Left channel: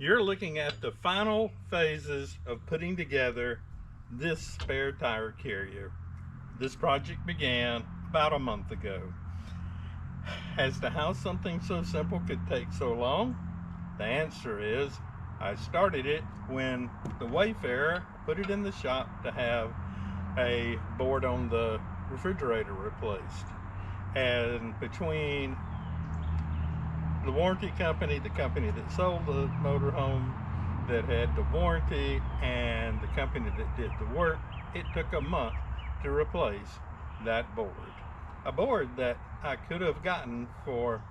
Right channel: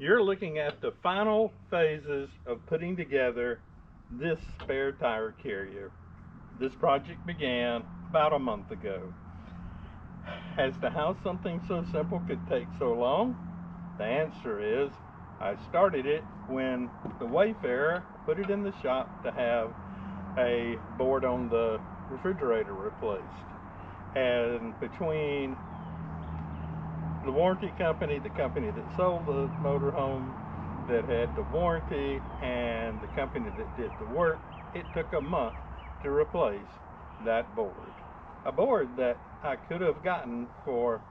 You're looking at the final phases of putting together this spare tire carrier. This project began about a month ago. As to how something so simple could take so long, the answer is I started it when the Wayfarer put it in the shop to have a board on the refrigerator replaced. And between the warranty company, the company that sold the motorhome that had the warranty, and the company that did the work, it took a month to replace that board. A board that I could have gotten for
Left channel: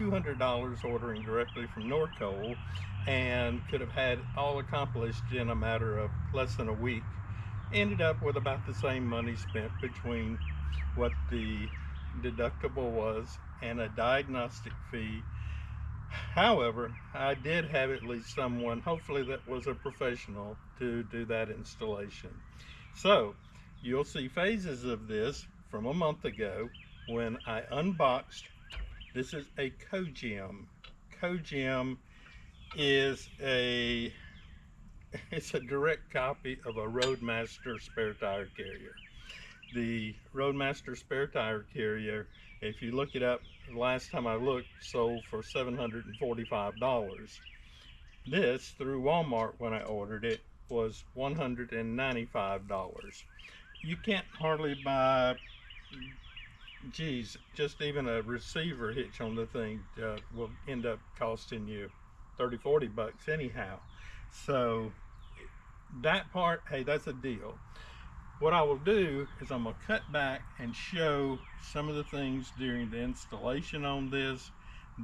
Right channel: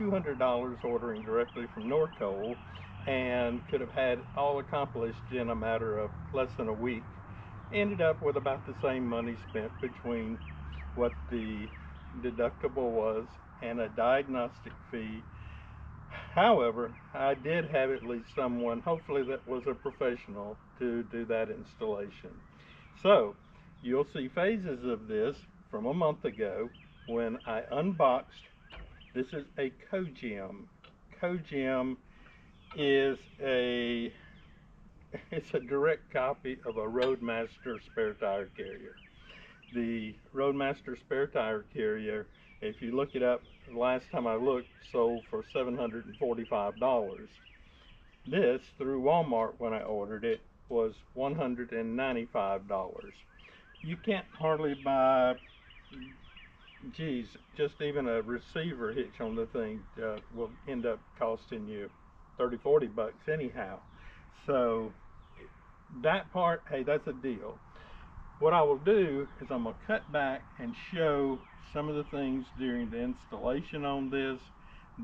$200 ordering directly from Norco, and could have had all accomplished in a matter of less than a week. Ended up with about the same money spent between what the deductible was and a diagnostic fee. However, I did have at least someone, hopefully that was a professional, to do that installation. So you'll see phases of this from a month ago when I unboxed. This is a Cogem. Cogem is a it's a direct copy of a Roadmaster spare tire carrier. The Roadmaster spare tire carrier, if you look it up, the last time I looked, sold for $745. This, through Walmart when I ordered it, was $195. You can't hardly buy, geez, just even a receiver hitch on the thing will end up costing you 30-40 bucks anyhow. So that part, hey, that's a deal. What I will do is I'm going to cut back and show some of the things during the installation on this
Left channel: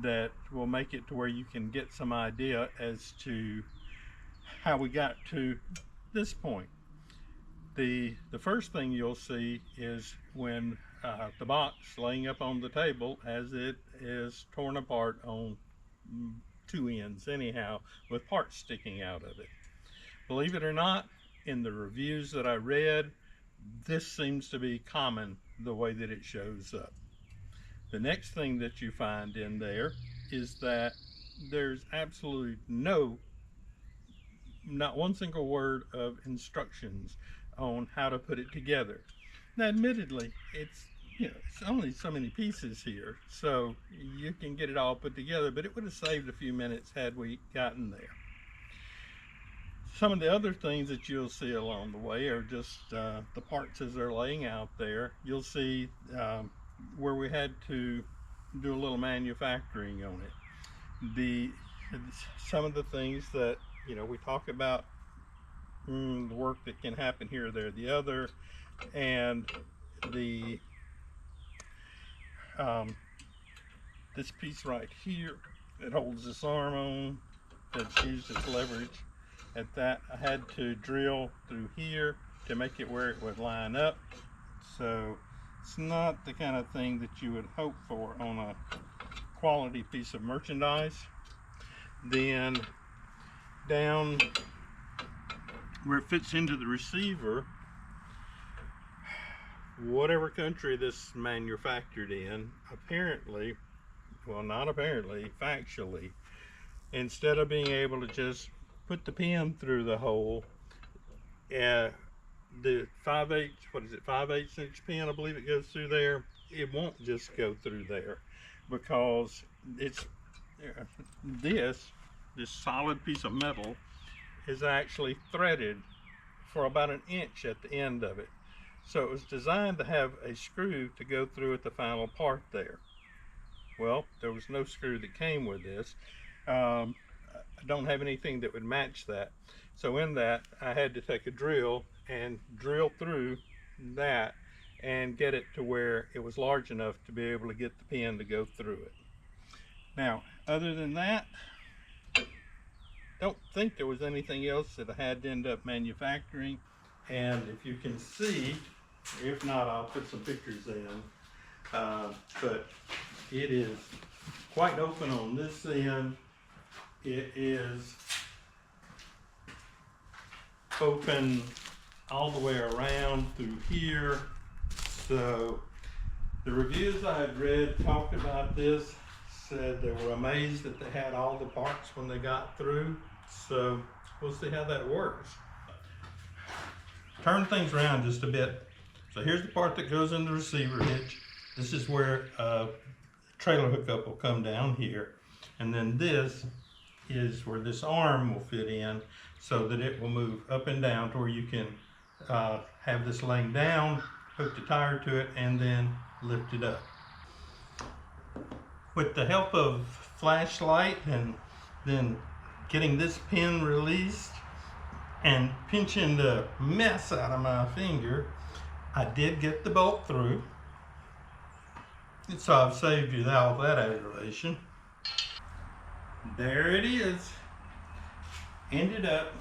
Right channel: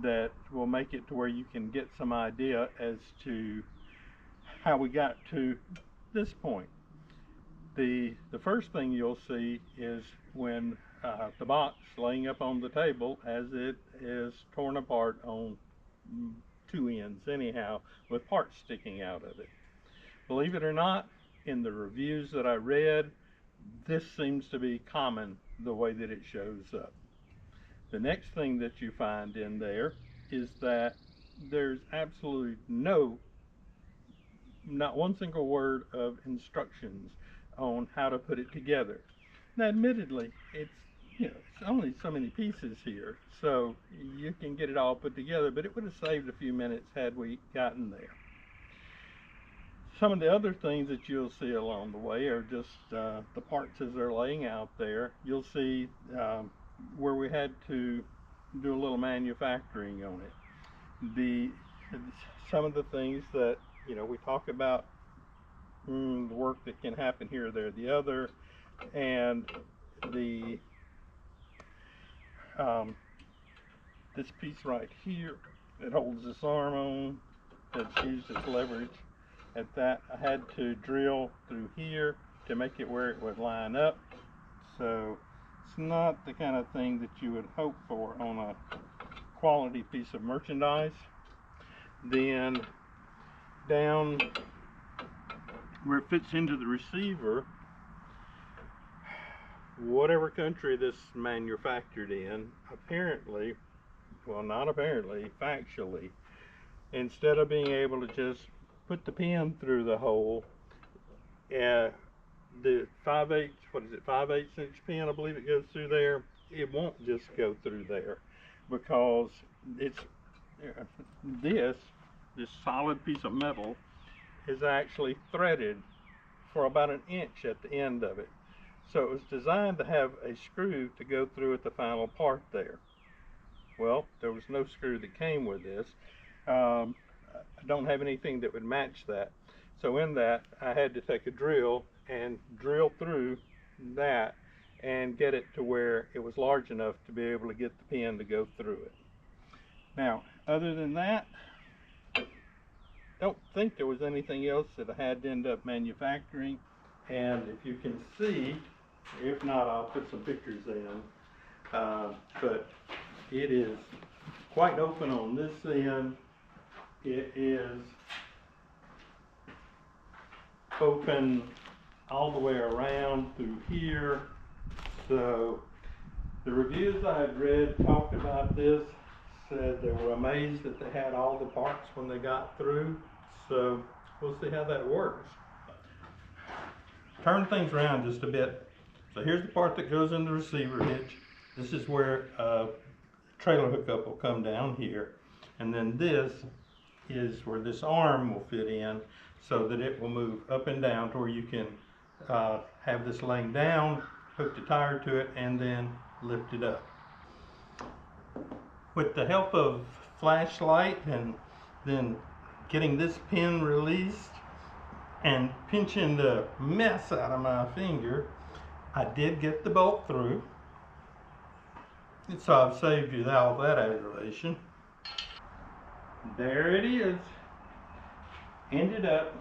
that will make it to where you can get some idea as to how we got to this point. The first thing you'll see is when the box laying up on the table, as it is torn apart on two ends anyhow, with parts sticking out of it. Believe it or not, in the reviews that I read, this seems to be common the way that it shows up. The next thing that you find in there is that there's absolutely not one single word of instructions on how to put it together. Now, admittedly, it's only so many pieces here, so you can get it all put together, but it would have saved a few minutes had we gotten there. Some of the other things that you'll see along the way are just the parts as they're laying out there. You'll see where we had to do a little manufacturing on it. Some of the things that we talk about, the work that can happen here, there, the other, and the this piece right here that holds this arm on, that's used as leverage. At that, I had to drill through here to make it where it would line up. So it's not the kind of thing that you would hope for on a quality piece of merchandise. Then down where it fits into the receiver, whatever country this manufactured in, apparently, well, not apparently, factually, instead of being able to just put the pin through the hole, the 5/8, what is it, 5/8 inch pin, I believe it goes through there. It won't just go through there because it's this solid piece of metal is actually threaded for about an inch at the end of it. So it was designed to have a screw to go through at the final part there. Well, there was no screw that came with this. I don't have anything that would match that. So in that, I had to take a drill and drill through that and get it to where it was large enough to be able to get the pin to go through it. Now, other than that, don't think there was anything else that I had to end up manufacturing. And if you can see, if not, I'll put some pictures in. But it is quite open on this end. It is open all the way around through here. So the reviews I had read talked about this said they were amazed that they had all the parts when they got through. So we'll see how that works. Turn things around just a bit. So here's the part that goes in the receiver hitch. This is where trailer hookup will come down here. And then this is where this arm will fit in so that it will move up and down to where you can have this laying down, hook the tire to it, and then lift it up. With the help of flashlight and then getting this pin released and pinching the mess out of my finger, I did get the bolt through. And so I've saved you all that aggravation. There it is. Ended up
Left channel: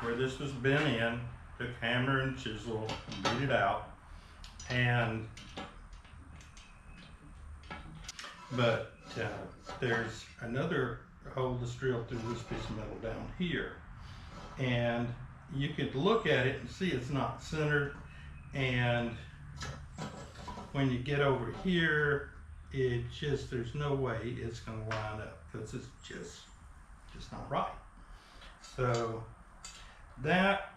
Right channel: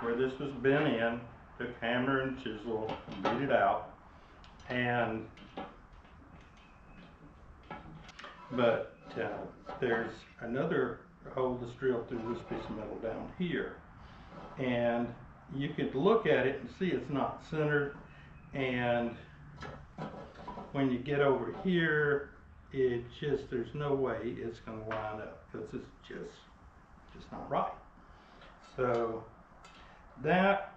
where this was bent in. Took hammer and chisel and beat it out. But there's another hole that's drilled through this piece of metal down here. And you could look at it and see it's not centered. And when you get over here, there's no way it's going to line up because it's just not right. So that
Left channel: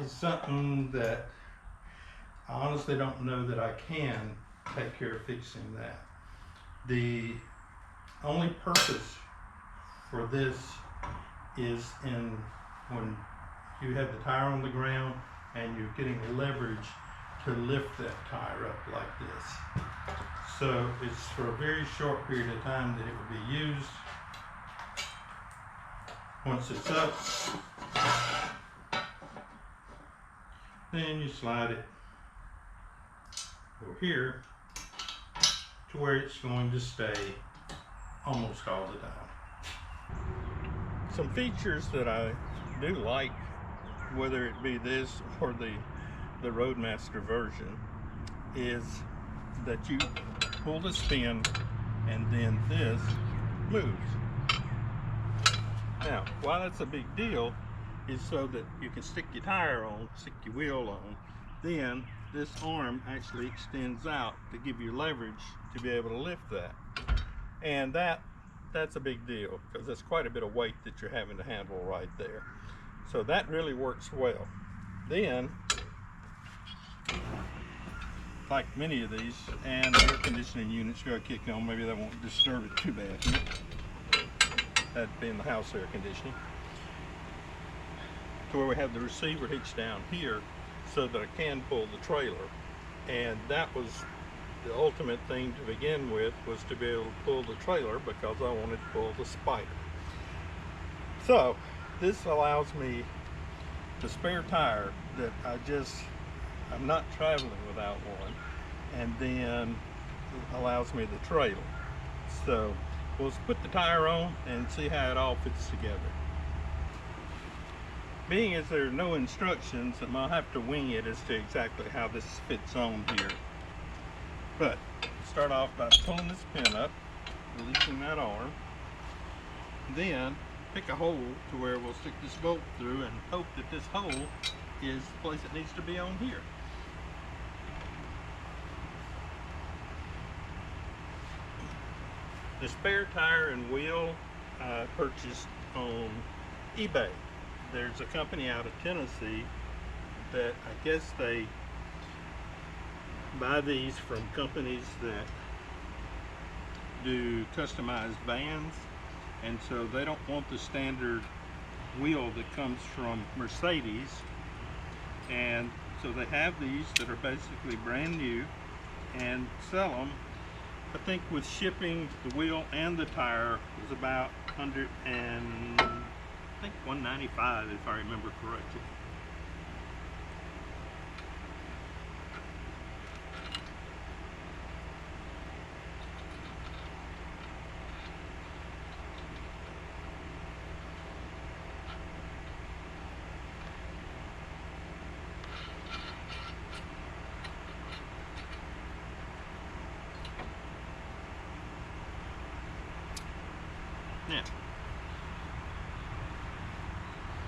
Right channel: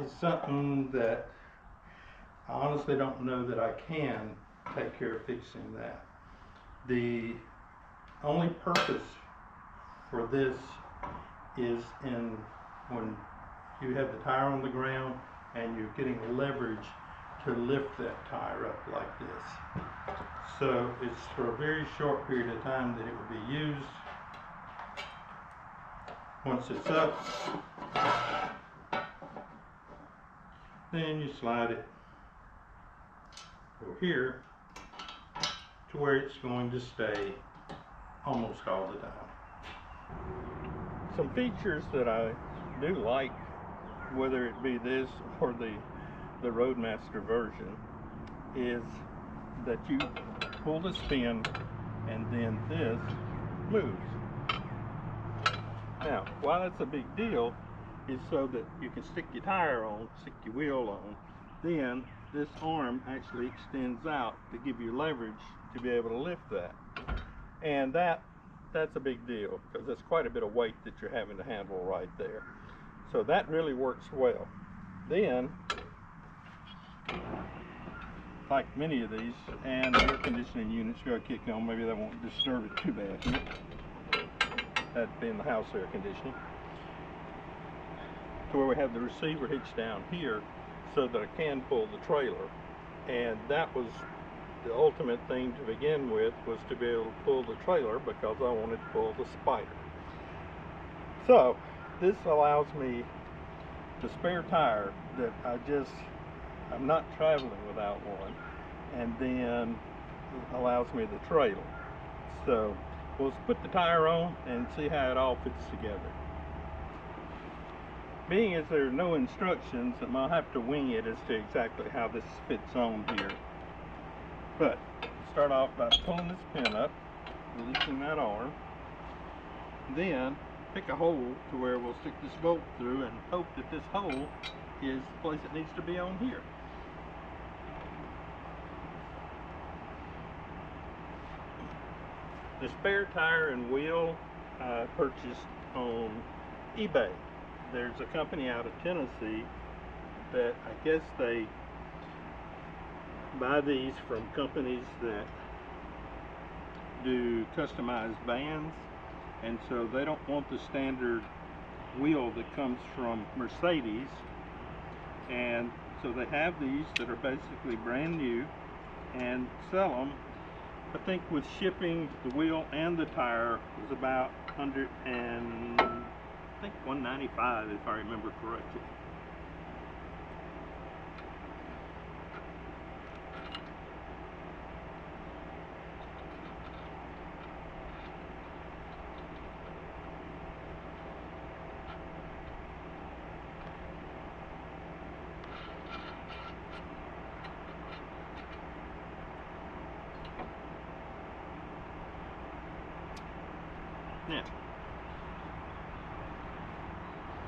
is something that I honestly don't know that I can take care of fixing that. The only purpose for this is when you have the tire on the ground and you're getting leverage to lift that tire up like this. So it's for a very short period of time that it would be used. Once it's up, then you slide it over here to where it's going to stay almost all the time. Some features that I do like, whether it be this or the Roadmaster version, is that you pull the spin and then this moves. Now, why that's a big deal is so that you can stick your tire on, stick your wheel on, then this arm actually extends out to give you leverage to be able to lift that. And that's a big deal because that's quite a bit of weight that you're having to handle right there. So that really works well. Then, like many of these, and the air conditioning units got kicked on, maybe that won't disturb it too bad. That being the house air conditioning. To where we have the receiver hitched down here so that I can pull the trailer. And that was the ultimate thing to begin with, was to be able to pull the trailer because I wanted to pull the spider. So this allows me the spare tire that I'm not traveling without one, and then allows me the trailer. So we'll put the tire on and see how it all fits together. Being as there are no instructions, I'll have to wing it as to exactly how this fits on here. But start off by pulling this pin up, releasing that arm, then pick a hole to where we'll stick this bolt through and hope that this hole is the place it needs to be on here. The spare tire and wheel I purchased on eBay. There's a company out of Tennessee that I guess they buy these from companies that do customized vans, and so they don't want the standard wheel that comes from Mercedes, and so they have these that are basically brand new and sell them. I think with shipping, the wheel and the tire was about $195 if I remember correctly. Now,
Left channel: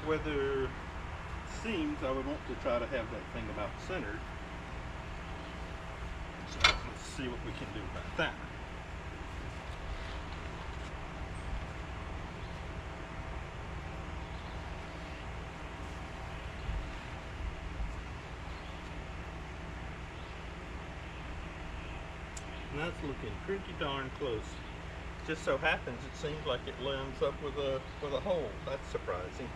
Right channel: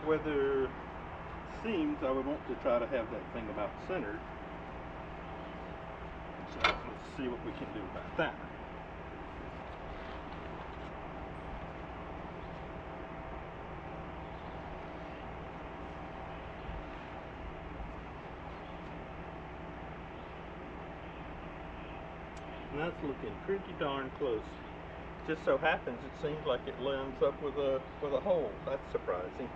whether it seems I would want to try to have that thing about centered. So let's see what we can do about that. and that's looking pretty darn close. Just so happens it seems like it lines up with a hole. That's surprising.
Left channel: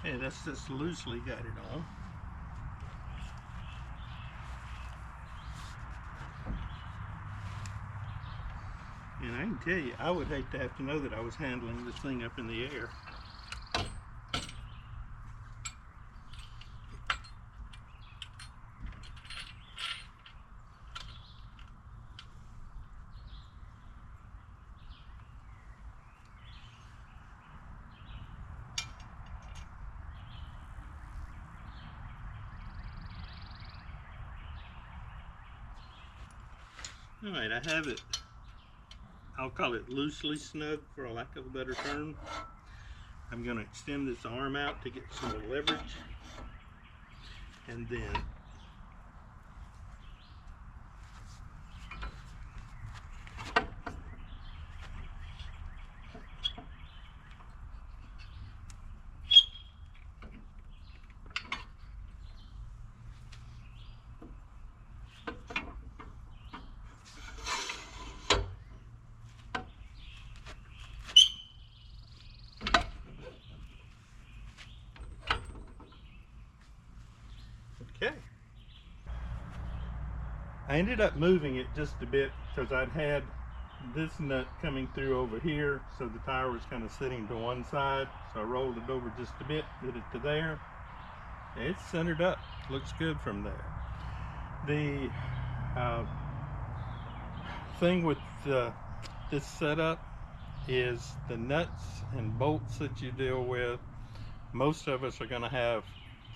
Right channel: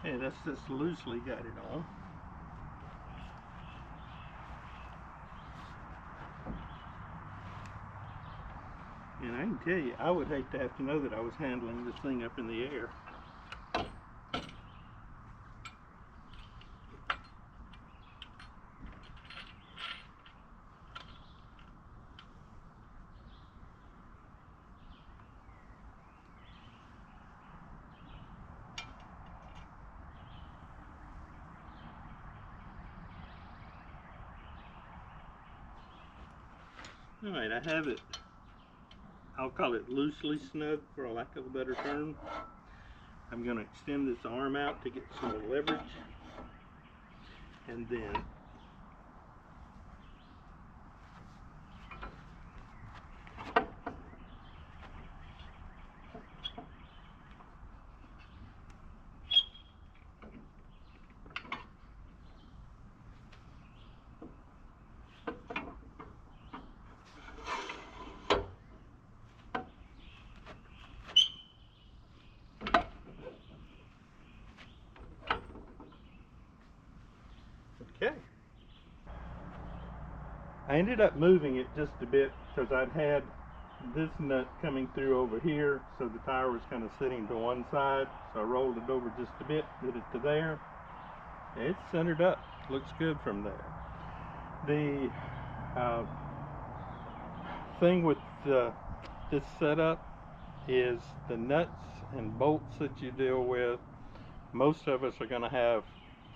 Okay, that's just loosely got it on. And I can tell you, I would hate to have to know that I was handling this thing up in the air. All right, I have it, I'll call it loosely snug for a lack of a better term. I'm going to extend this arm out to get some more leverage, and then okay. I ended up moving it just a bit because I'd had this nut coming through over here, so the tire was kind of sitting to one side. So I rolled it over just a bit, did it to there. It's centered up, looks good from there. The thing with this setup is the nuts and bolts that you deal with. Most of us are going to have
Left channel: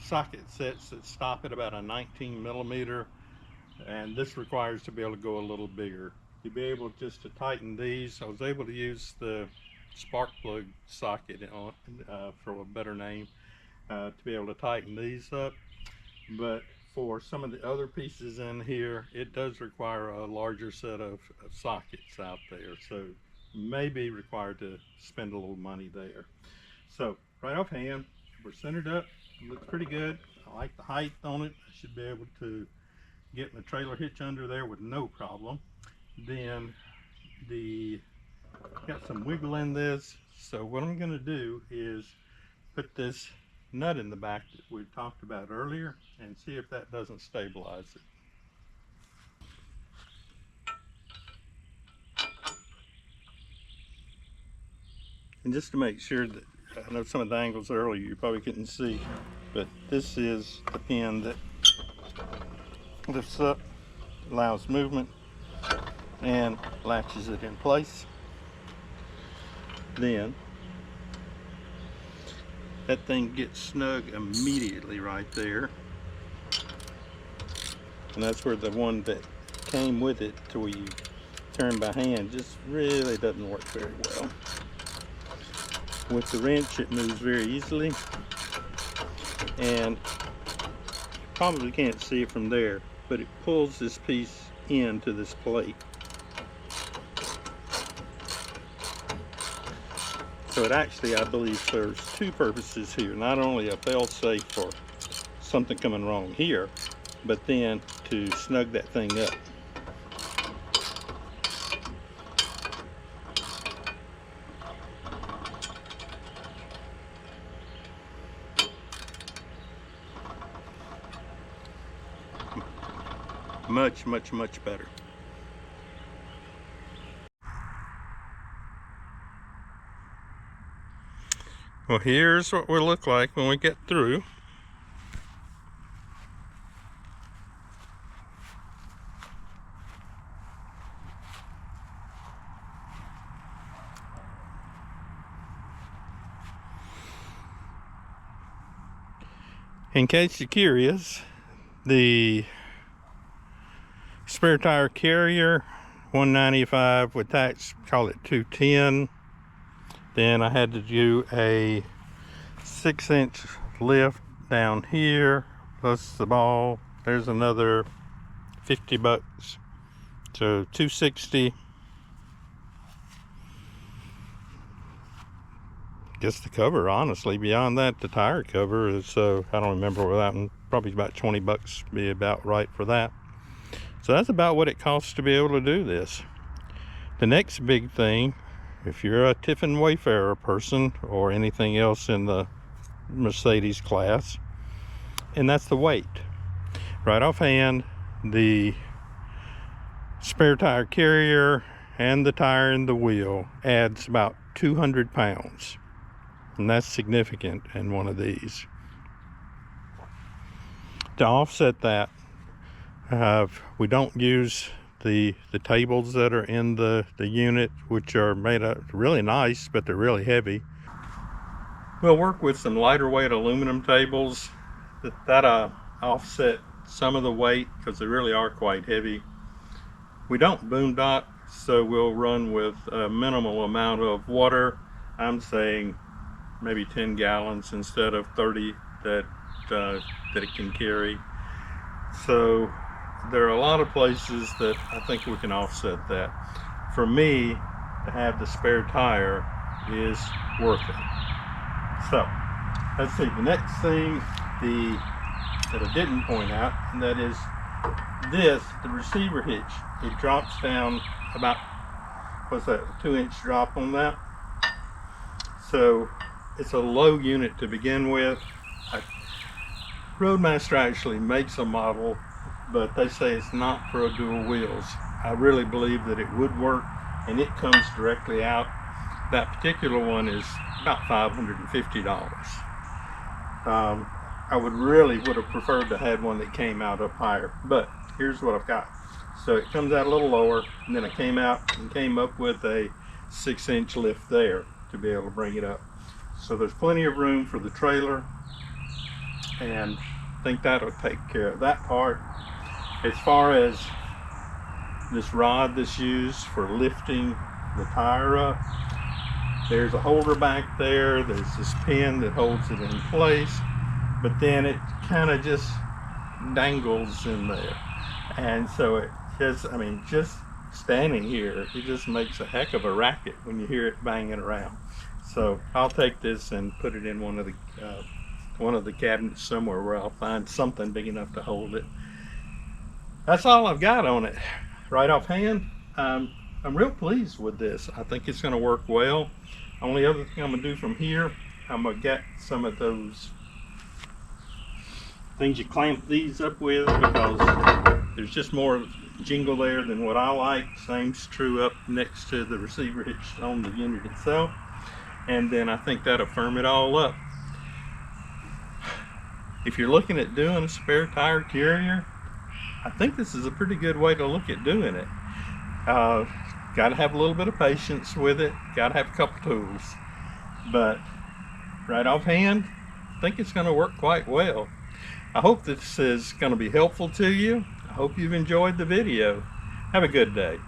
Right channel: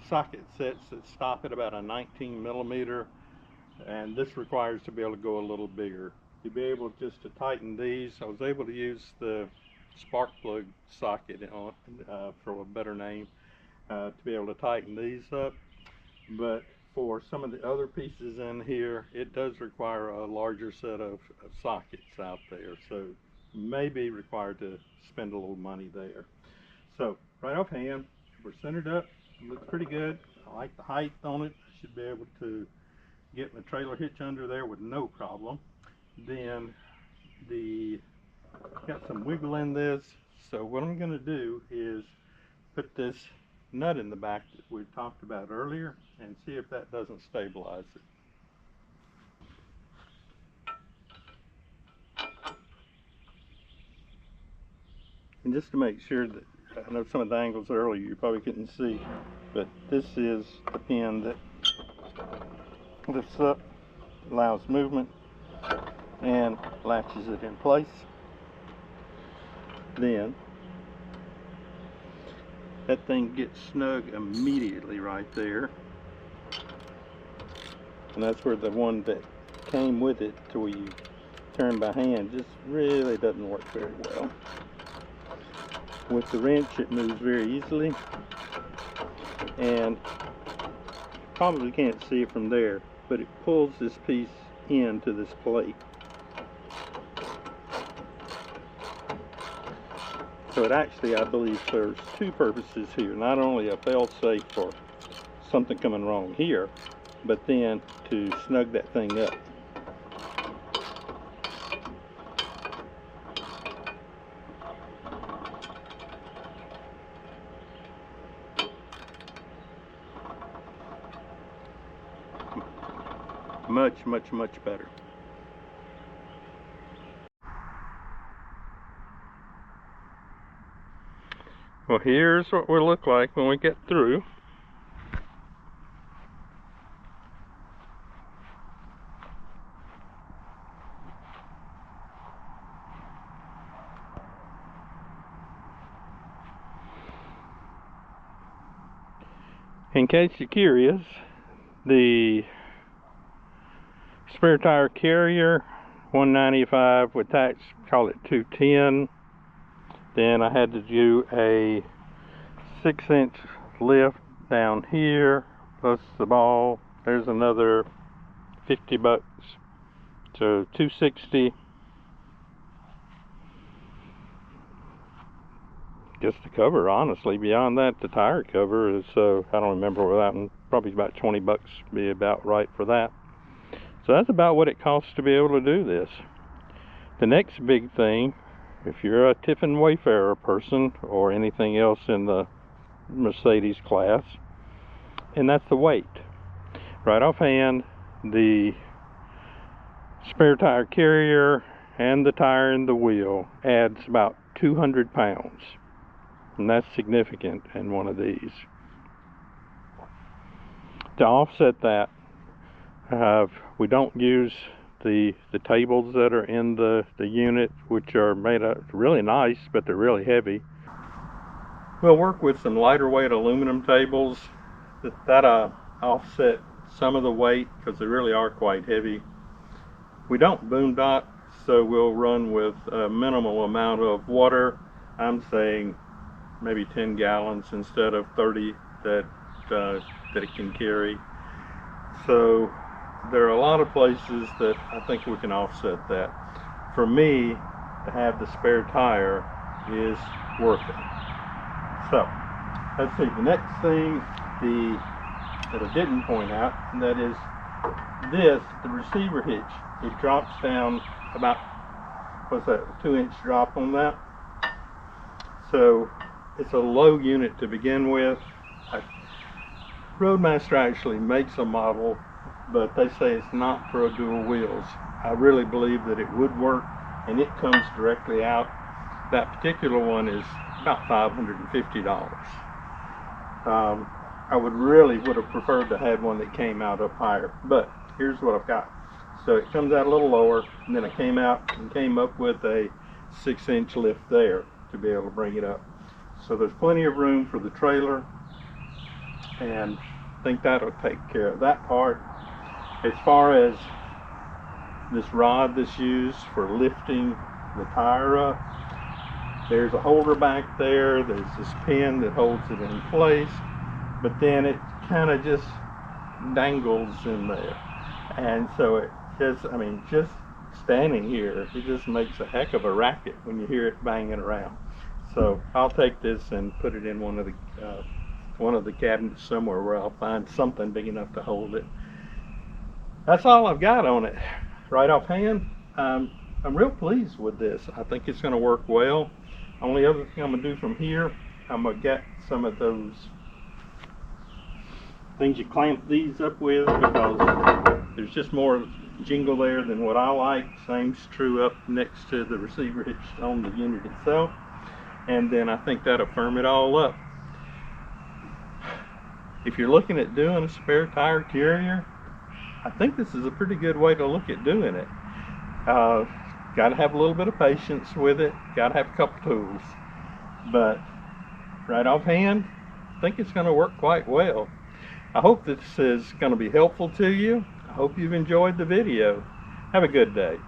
socket sets that stop at about a 19 millimeter, and this requires to be able to go a little bigger. To be able just to tighten these, I was able to use the spark plug socket for a better name, to be able to tighten these up. But for some of the other pieces in here, it does require a larger set of sockets out there, so you may be required to spend a little money there. So right offhand, we're centered up, it looks pretty good. I like the height on it. I should be able to get my trailer hitch under there with no problem. Then got some wiggle in this, so what I'm going to do is put this nut in the back that we talked about earlier and see if that doesn't stabilize it. And just to make sure that, I know some of the angles earlier you probably couldn't see, but this is the pin that lifts up, allows movement, and latches it in place. Then that thing gets snug immediately right there, and that's where the one that came with it to where you turn by hand just really doesn't work very well. With the wrench it moves very easily, and you probably can't see it from there, but it pulls this piece into this plate. So it actually, I believe, serves two purposes here. Not only a fail-safe for something coming wrong here, but then to snug that thing up. Much, much, much better. Well, here's what we'll look like when we get through. In case you're curious, the spare tire carrier, 195 with tax, call it 210. Then I had to do a 6-inch lift down here, plus the ball. There's another 50 bucks. So 260. Guess the cover, honestly, beyond that, the tire cover is, I don't remember what that one, probably about 20 bucks be about right for that. So that's about what it costs to be able to do this. The next big thing, if you're a Tiffin Wayfarer person or anything else in the Mercedes class, and that's the weight. Right offhand, the spare tire carrier and the tire and the wheel adds about 200 pounds, and that's significant in one of these. To offset that, we don't use the tables that are in the unit, which are made up really nice, but they're really heavy. We'll work with some lighter weight aluminum tables that offset some of the weight, because they really are quite heavy. We don't boondock, so we'll run with a minimal amount of water. I'm saying maybe 10 gallons instead of 30 that it can carry. So there are a lot of places that I think we can offset that. For me, to have the spare tire is worth it. So let's see, the next thing that I didn't point out, and that is the receiver hitch. It drops down about, what's that, a 2-inch drop on that. So it's a low unit to begin with. Roadmaster actually makes a model, but they say it's not for dual wheels. I really believe that it would work, and it comes directly out. That particular one is about $550. I would have preferred to have one that came out up higher, but here's what I've got. So it comes out a little lower, and then I came up with a 6-inch lift there to be able to bring it up. So there's plenty of room for the trailer, and I think that'll take care of that part. As far as this rod that's used for lifting the tire up, there's a holder back there, there's this pin that holds it in place, but then it kind of just dangles in there. And so it just, I mean, just standing here, it just makes a heck of a racket when you hear it banging around. So I'll take this and put it in one of the cabinets somewhere where I'll find something big enough to hold it. That's all I've got on it. Right offhand, I'm real pleased with this. I think it's going to work well. Only other thing I'm going to do from here, I'm going to get some of those things you clamp these up with, because there's just more jingle there than what I like. Same's true up next to the receiver hitch on the unit itself. And then I think that'll firm it all up. If you're looking at doing a spare tire carrier, I think this is a pretty good way to look at doing it. Got to have a little bit of patience with it. Got to have a couple tools. But right offhand, I think it's going to work quite well. I hope this is going to be helpful to you. I hope you've enjoyed the video. Have a good day.